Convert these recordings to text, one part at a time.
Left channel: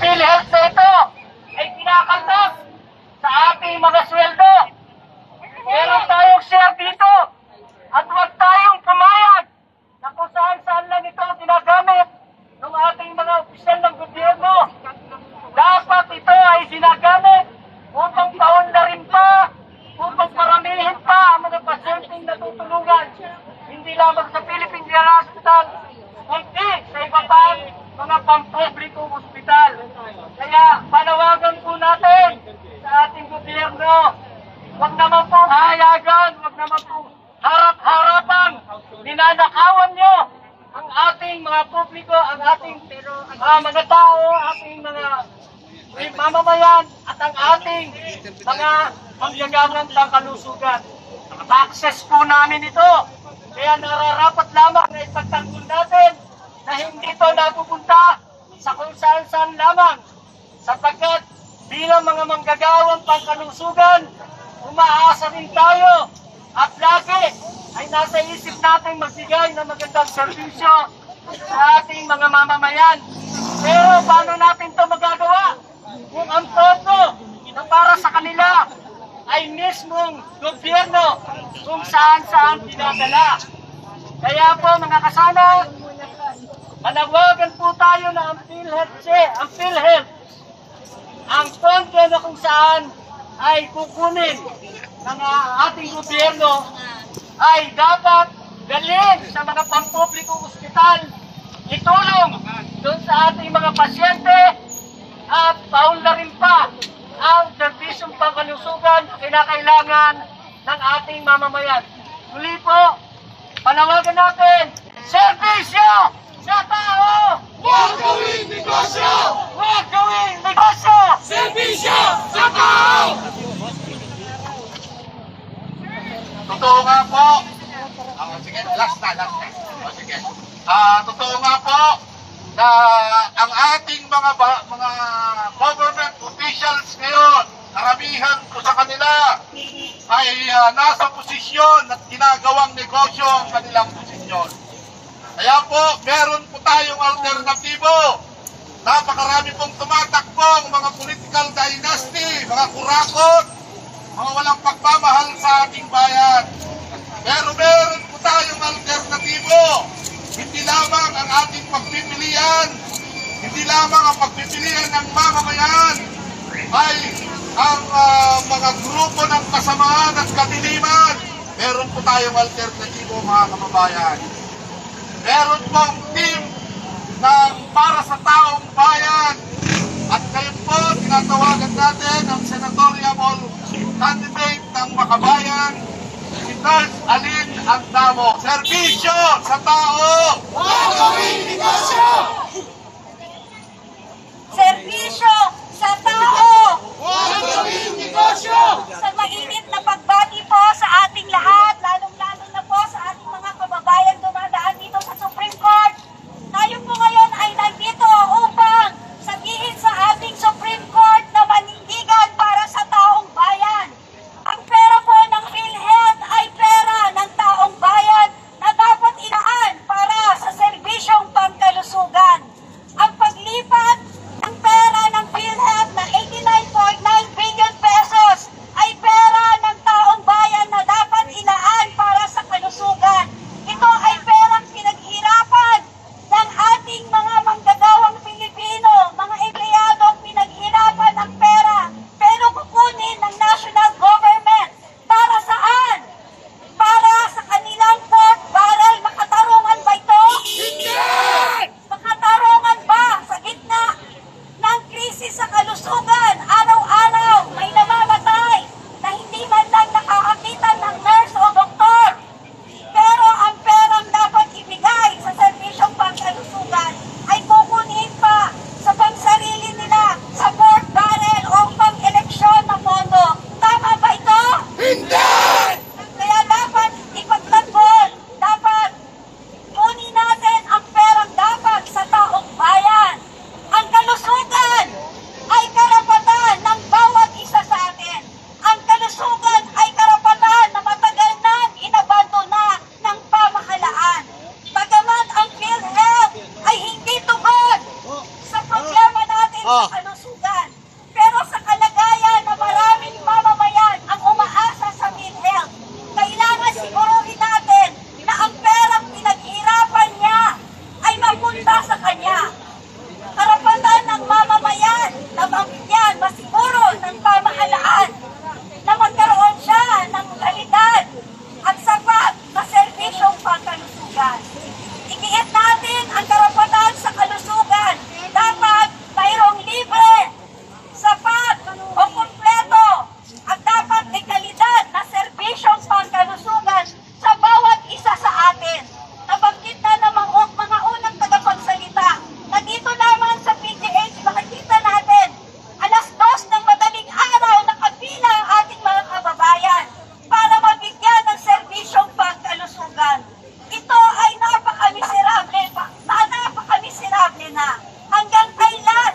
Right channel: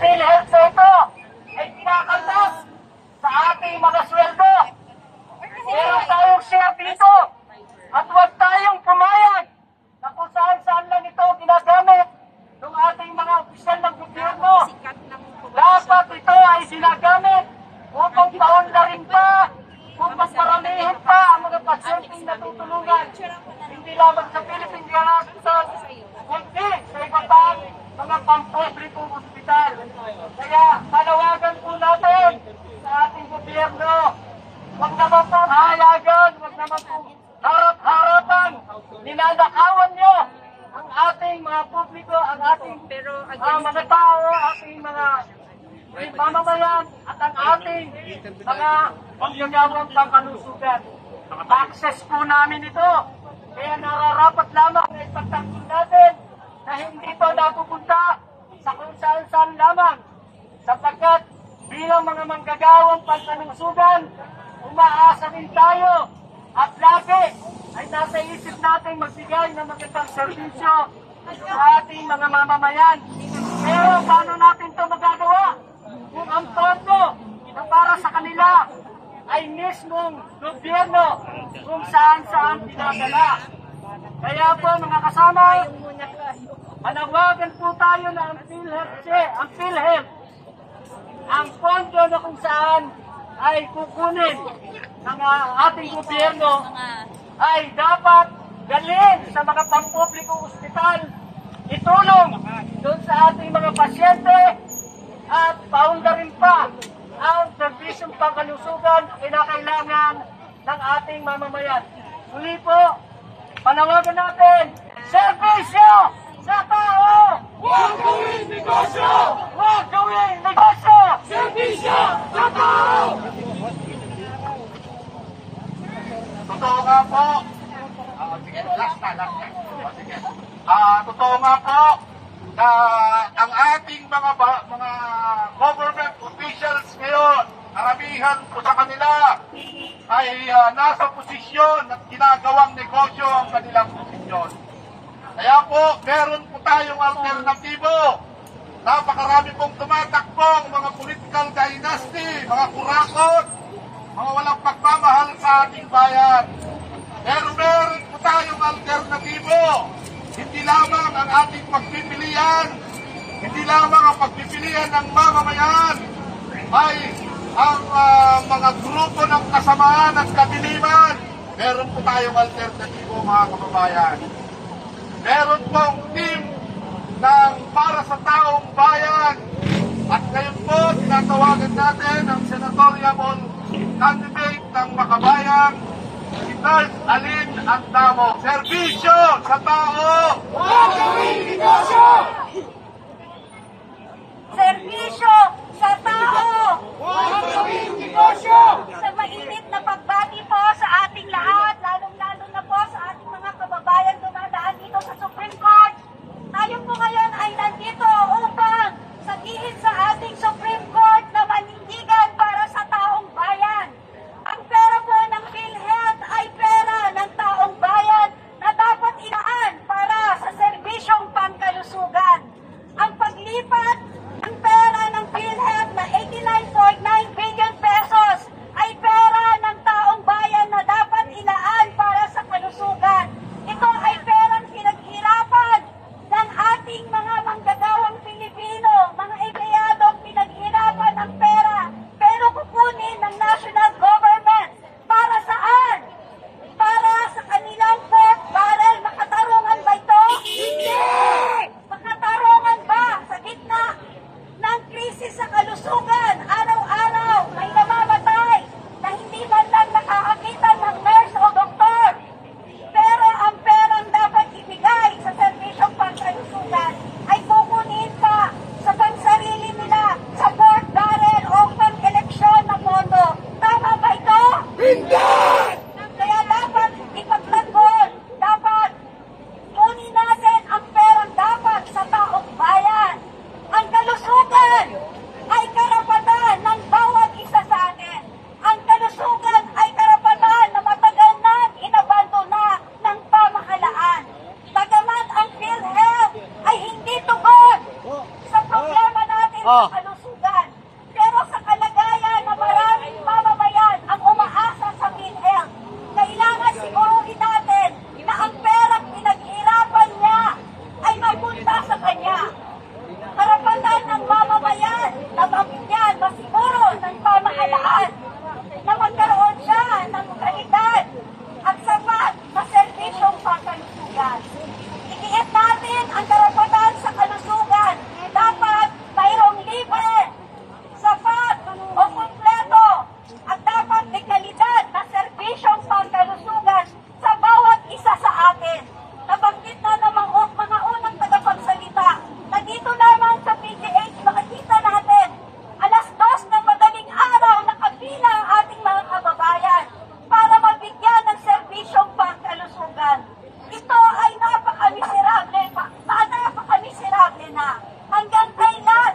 PhilHealth na ito ay pinakaltas sa ating mga sweldo. Meron tayong share dito at huwag tayong pumayag na kung saan lang ito ginagamit ng ating mga opisyal ng gobyerno. Dapat ito ay ginagamit upang paunlarin pa, upang paramihin pa ang mga pasyenteng natutulungan. Hindi lamang sa Philippine General Hospital, kundi sa iba pang mga pampublikong ospital. Kaya panawagan po natin sa ating gobyerno, huwag naman po hayagan, huwag naman po harap-harapan, ninanakawan nyo ang ating mga publiko, ang ating mga tao, ating mga mamamayan at ang ating mga manggagawang pangkalusugan. Access po namin ito. Kaya nararapat lamang na ipagtanggol natin na hindi ito napupunta sa kung saan lamang. Sapagkat bilang mga manggagawang pangkalusugan, umaasa rin tayo at lagi ay nasa isip natin magbigay ng magandang serbisyo sa ating mga mamamayan. Pero paano natin ito magagawa? Kung ang todo na para sa kanila ay mismong gobyerno kung saan pinadala. Kaya po mga kasama, manawagan po tayo na ang PhilHealth, ang pondo na kung saan ay kukunin ng ating gobyerno ay dapat dalhin sa mga pampublikong ospital, itulong doon sa ating mga pasyente at paunlarin pa ang serbisyong pangkalusugan na kinakailangan ng ating mamamayan. Muli po, panawagan natin, serbisyo sa tao! Huwag gawing negosyo! Huwag gawing negosyo! Serbisyo sa tao! Totoo nga po. Sige, last na. Sige. Totoo nga po na ang ating mga government officials ngayon, karamihan po sa kanila ay nasa posisyon at ginagawang negosyo ang kanilang posisyon. Kaya po, meron po tayong alternatibo. Napakarami pong tumatakbong mga political dynasty, mga kurakot, mga walang pagmamahal sa ating bayan. Pero meron po tayong alternatibo. Hindi lamang ang ating pagpipilian, hindi lamang ang pagpipilian ng mamamayan, ay ang mga grupo ng kasamaan at kadiliman. Meron po tayong alternatibo mga kababayan. Meron pong team ng para sa taong bayan. At ngayon po, tinatawagan natin ang senatorial candidate ng Makabayan, si Nurse Aline Andamo. Serbisyo sa tao! Huwag gawing negosyo! Serbisyo sa tao! Huwag gawing negosyo! Sa mainit na pagbati po sa ating lahat, lalong-lalo na po sa ating mga kababayan dumadaan dito sa Supreme Court. Tayo po ngayon ay nandito upang sabihin sa ating Supreme Court na manindigan para sa taong bayan. Ang pera po ng PhilHealth ay pera ng taong bayan na dapat inaan para sa serbisyong pangkalusugan. Ang paglipat ng pera ng PhilHealth na 89.9 billion pesos ay pera ng taong bayan na dapat inaan para sa kalusugan. Ito ay perang pinaghirapan ng ating mga manggagawang Pilipino, mga empleyadong pinaghirapan ang pera, pero kukunin ng national government. Para saan? Para sa kanilang pork barrel. Makatarungan ba ito? Hindi! Makatarungan ba sa gitna ng krisis sa kalusugan? Araw-araw may namamatay na hindi man lang nakakakita ng nurse o doktor. Pero ang perang dapat ibigay sa serbisyong pangkalusugan ay kukunin pa sa pansarili nila, sa pork barrel o pang-eleksyon na pondo. Tama ba ito? Hindi! Kaya dapat ipagtanggol, dapat kunin natin ang perang dapat sa taong bayan. Ang kalusugan ay karapatan ng bawat isa sa atin. Ang kalusugan ay karapatan na matagal nang inabandona ng pamahalaan. Bagamat ang PhilHealth ay hindi tugon sa problema natin dahil sa kalusugan. Pero sa kalagayan na maraming mamamayan ang umaasa sa PhilHealth, kailangan siguruhin natin na ang perang pinaghirapan niya ay mapunta sa kanya. Karapatan ng mamamayan na mabigyan masiguro ng pamahalaan na magkaroon siya ng kalidad at sapat na serbisyong pangkalusugan. Igiit natin ang karapatan sa kalusugan. Dapat mayroong libre, sapat o kumpleto at dapat may kalidad na serbisyong pangkalusugan sa bawat isa sa atin. Nabanggit na ng mga unang tagapagsalita na dito lamang sa PGH makikita natin alas 2 ng madaling araw nakapila ang ating mga kababayan para mabigyan ng serbisyong pangkalusugan. Ito ay napakamiserable na. Hanggang kailan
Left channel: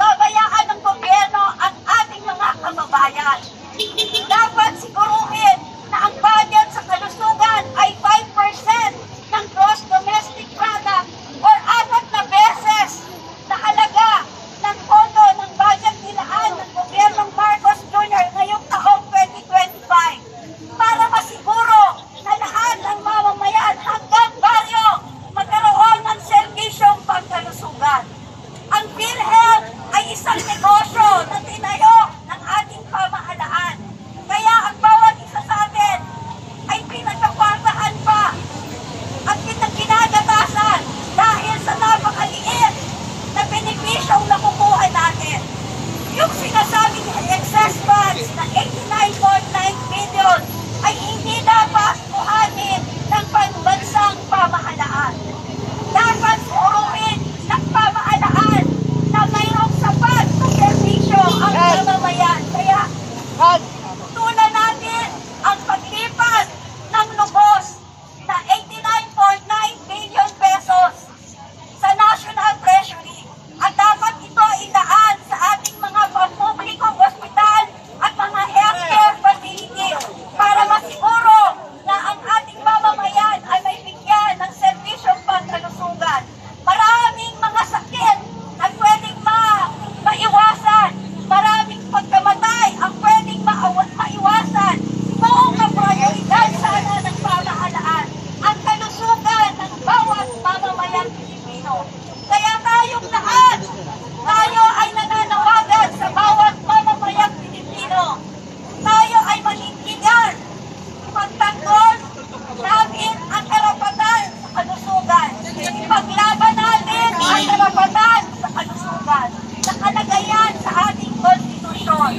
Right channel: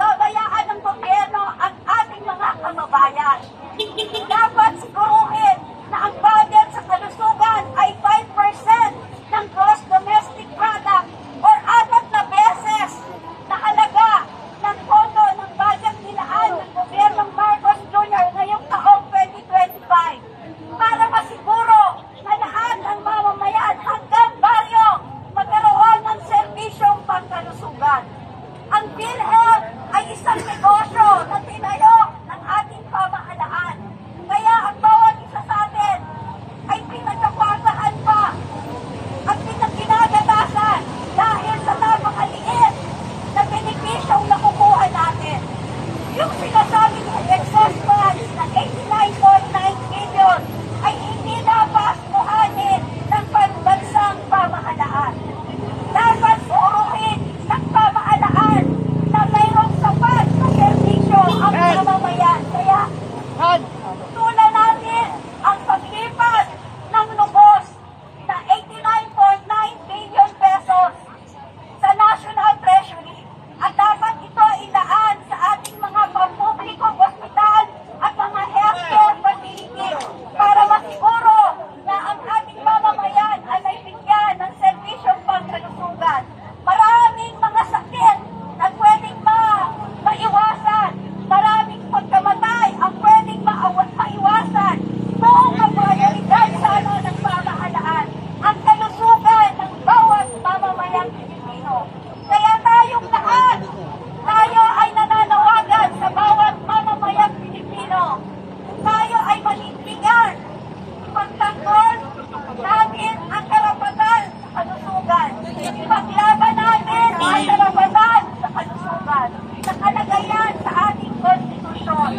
babayaan ng gobyerno ang ating mga kababayan. Dapat siguruhin na ang budget sa kalusugan ay 5% ng gross domestic product or 4 na beses na halaga ng pondo ng budget nilaan ng gobyernong Marcos Jr. ngayong taong 2025 para masiguro na lahat ng mamamayan hanggang baryo magkaroon ng serbisyong pangkalusugan. Ang PhilHealth ay isang negosyo na tinayo ng ating pamahalaan. Kaya ang bawat isa sa atin ay pinagkakwartahan pa at pinagginagatasan dahil sa napakaliit na benepisyong nakukuha natin. Yung sinasabing excess funds na 89.9 billion ay hindi dapat kuhanin ng pambansang pamahalaan. Dapat suruhin ng pamahalaan na mayroong sapat na serbisyo ang mamamayan. Kaya tutulan natin ang paglipat ng lubos na 89.9 billion pesos sa National Treasury at dapat ito ilaan sa ating mga pampublikong ospital at mga healthcare facilities para masiguro na ang ating mamamayan ay may bigyan ng serbisyong pangkalusugan. Maraming mga sakit na pwedeng maiwasan, maraming pagkamatay ang pwedeng maiwasan. Buong kaprioridad sana ng pamahalaan ang kalusugan ng bawat mamamayang Pilipino. Kaya tayong lahat, tayo ay nananawagan sa bawat mamamayang Pilipino. Tayo ay manindigan. Ipagtanggol natin ang karapatan sa kalusugan. Ipaglaban natin ang karapatan sa kalusugan. Nakalagayan sa ating konstitusyon.